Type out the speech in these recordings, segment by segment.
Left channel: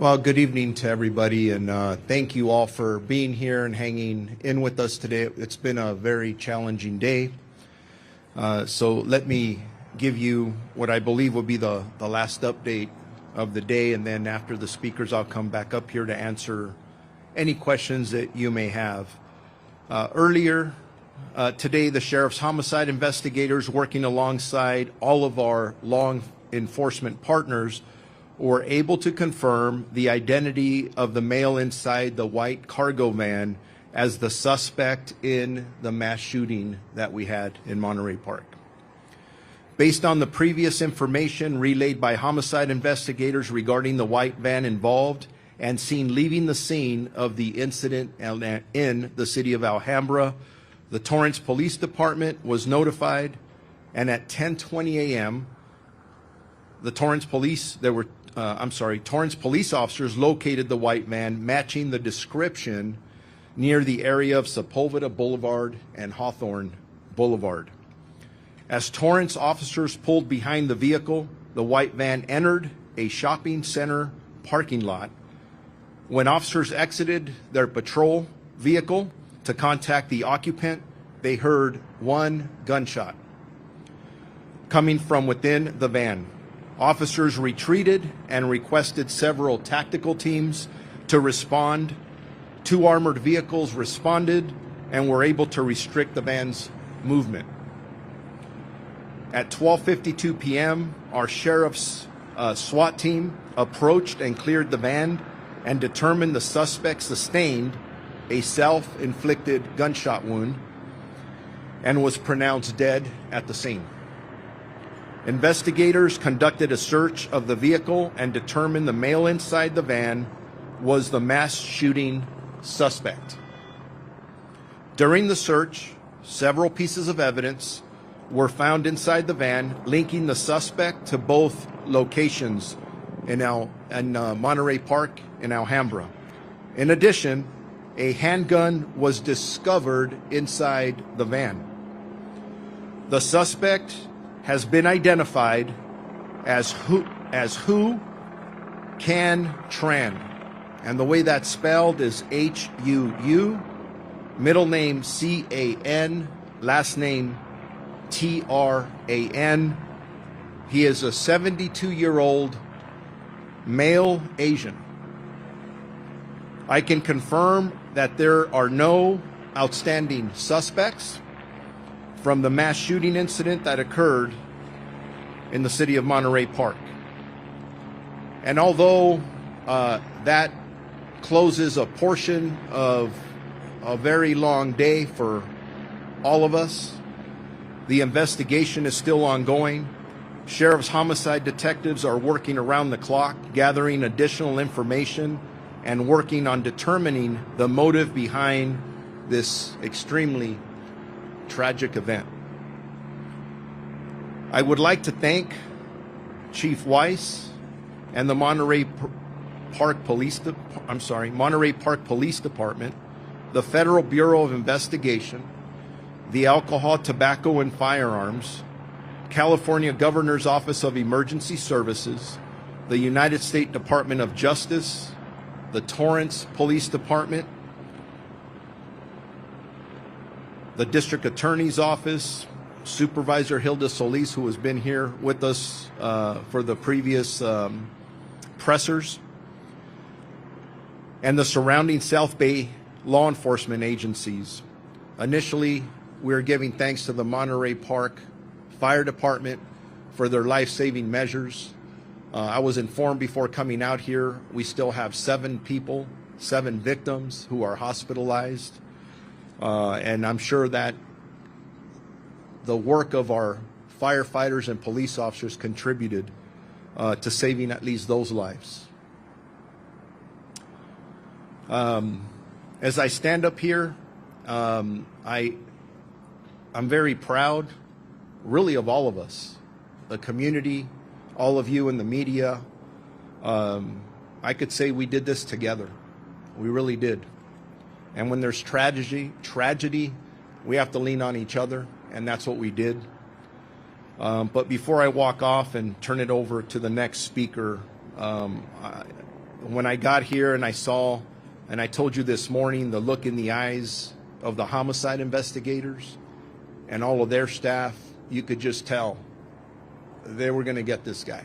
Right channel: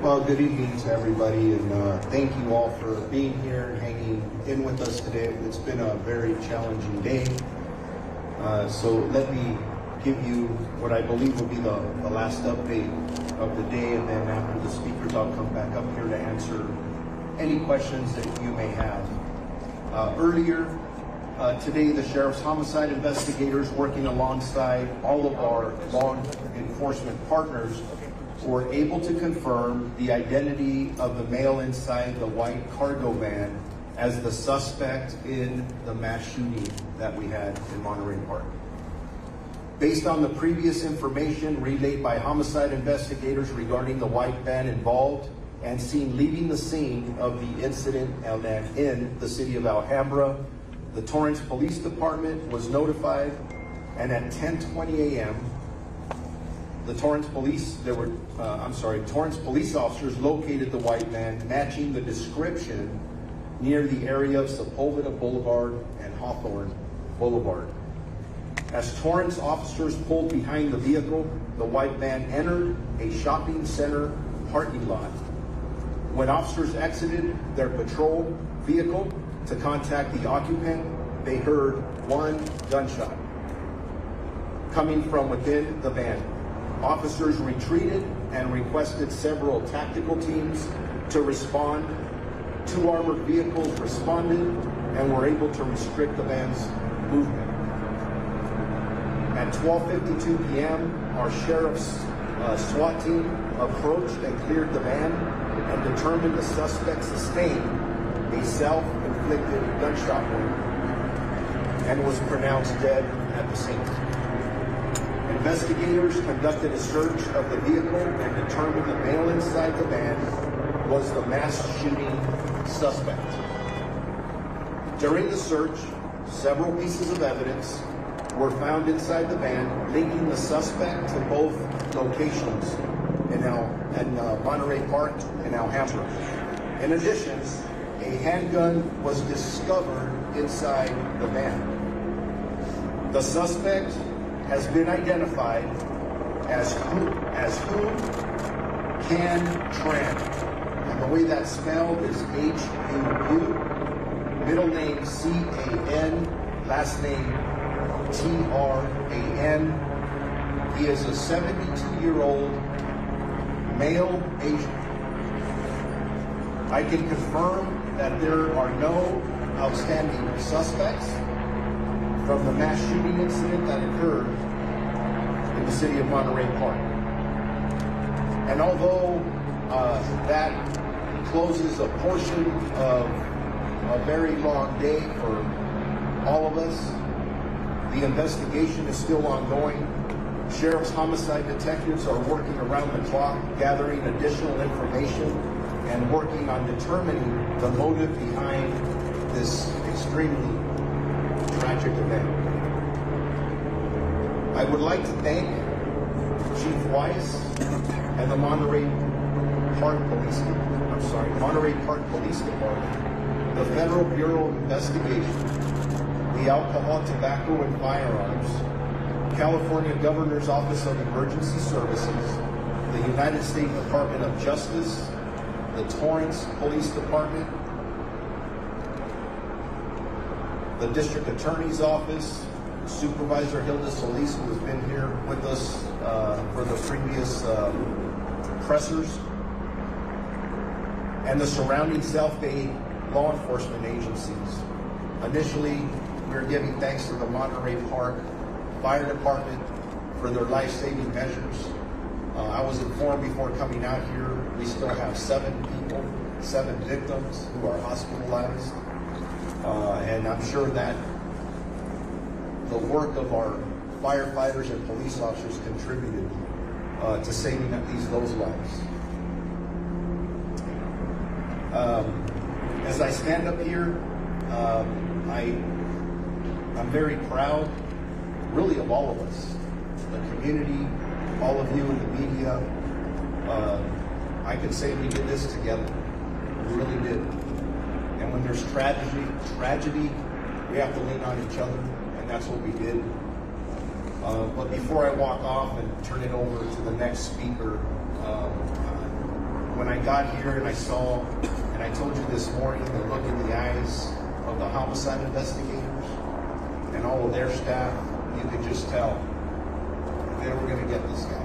Well, good evening to everybody, and thank you all for being here and hanging in with us today. It's been a very challenging day. So let me give you what I believe will be the last update of the day, and then after the speakers, I'll come back up here to answer any questions that you may have. Earlier today, the Sheriff's Homicide investigators, working alongside all of our law enforcement partners, were able to confirm the identity of the male inside the white cargo van as the suspect in the mass shooting that we had in Monterey Park. Based on the previous information relayed by homicide investigators regarding the white van involved and seen leaving the scene of the incident in the city of Alhambra, the Torrance Police Department was notified, and at 10:20 a.m., the Torrance police officers located the white van matching the description near the area of Sepulveda Boulevard and Hawthorne Boulevard. As Torrance officers pulled behind the vehicle, the white van entered a shopping center parking lot. When officers exited their patrol vehicle to contact the occupant, they heard one gunshot coming from within the van. Officers retreated and requested several tactical teams to respond. 2 armored vehicles responded and were able to restrict the van's movement. At 12:52 p.m., our sheriff's SWAT team approached and cleared the van and determined the suspect sustained a self-inflicted gunshot wound and was pronounced dead at the scene. Investigators conducted a search of the vehicle and determined the male inside the van was the mass shooting suspect. During the search, several pieces of evidence were found inside the van linking the suspect to both locations in Monterey Park and Alhambra. In addition, a handgun was discovered inside the van. The suspect has been identified as Huu Can Tran, and the way that's spelled is H-U-U, middle name C-A-N, last name T-R-A-N. He is a 72-year-old male Asian. I can confirm that there are no outstanding suspects from the mass shooting incident that occurred in the city of Monterey Park. And although that closes a portion of a very long day for all of us, the investigation is still ongoing. Sheriff's homicide detectives are working around the clock, gathering additional information and working on determining the motive behind this extremely tragic event. I would like to thank Chief Weiss and the Monterey Park Police Department, the Federal Bureau of Investigation, the Alcohol, Tobacco, and Firearms, California Governor's Office of Emergency Services, the United States Department of Justice, the Torrance Police Department, the District Attorney's Office, Supervisor Hilda Solis, who has been here with us for the previous pressers, and the surrounding South Bay law enforcement agencies. Initially, we're giving thanks to the Monterey Park Fire Department for their life-saving measures. I was informed before coming out here, we still have 7 victims who are hospitalized. And I'm sure that the work of our firefighters and police officers contributed to saving at least those lives. As I stand up here, I'm very proud, really, of all of us, the community, all of you in the media. I could say we did this together. We really did. And when there's tragedy, we have to lean on each other, and that's what we did. But before I walk off and turn it over to the next speaker, when I got here and I saw, and I told you this morning, the look in the eyes of the homicide investigators and all of their staff, you could just tell they were going to get this guy.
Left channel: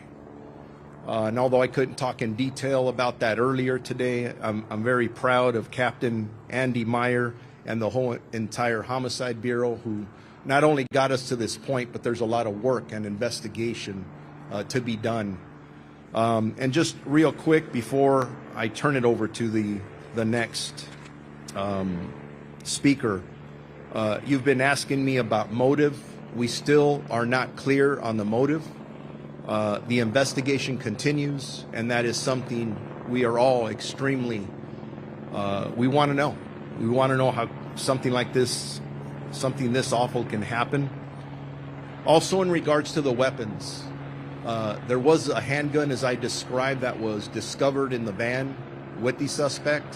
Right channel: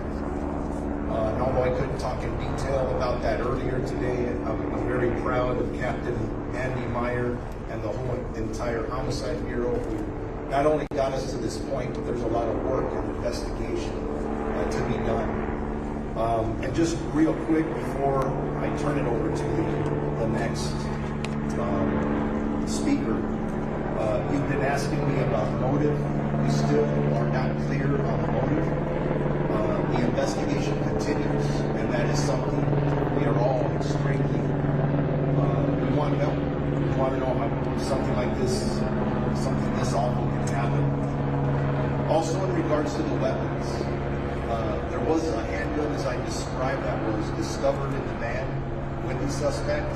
And although I couldn't talk in detail about that earlier today, I'm very proud of Captain Andy Meyer and the whole entire Homicide Bureau, who not only got us to this point, but there's a lot of work and investigation to be done. And just real quick before I turn it over to the next speaker, you've been asking me about motive. We still are not clear on the motive. The investigation continues, and that is something we are all extremely, we want to know. We want to know how something like this, something this awful can happen. Also in regards to the weapons, there was a handgun, as I described, that was discovered in the van with the suspect.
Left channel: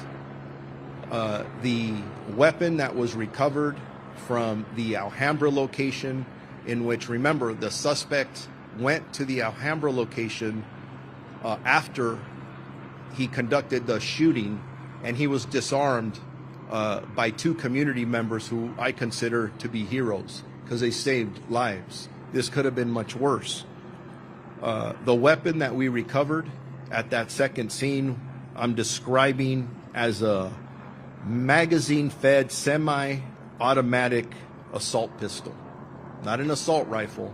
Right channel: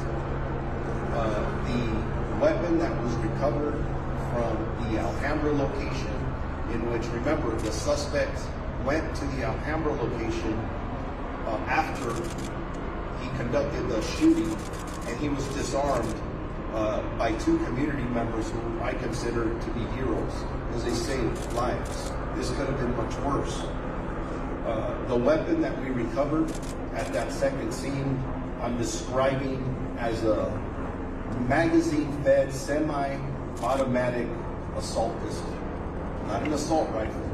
The weapon that was recovered from the Alhambra location, in which, remember, the suspect went to the Alhambra location after he conducted the shooting, and he was disarmed by two community members who I consider to be heroes because they saved lives. This could have been much worse. The weapon that we recovered at that second scene, I'm describing as a magazine-fed semi-automatic assault pistol. Not an assault rifle,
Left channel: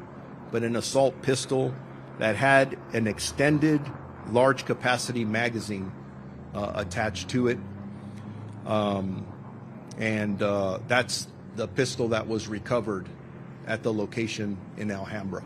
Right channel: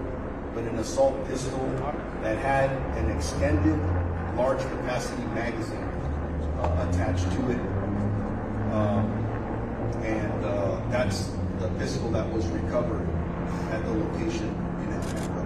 but an assault pistol that had an extended large capacity magazine attached to it. That's the pistol that was recovered at the location in Alhambra.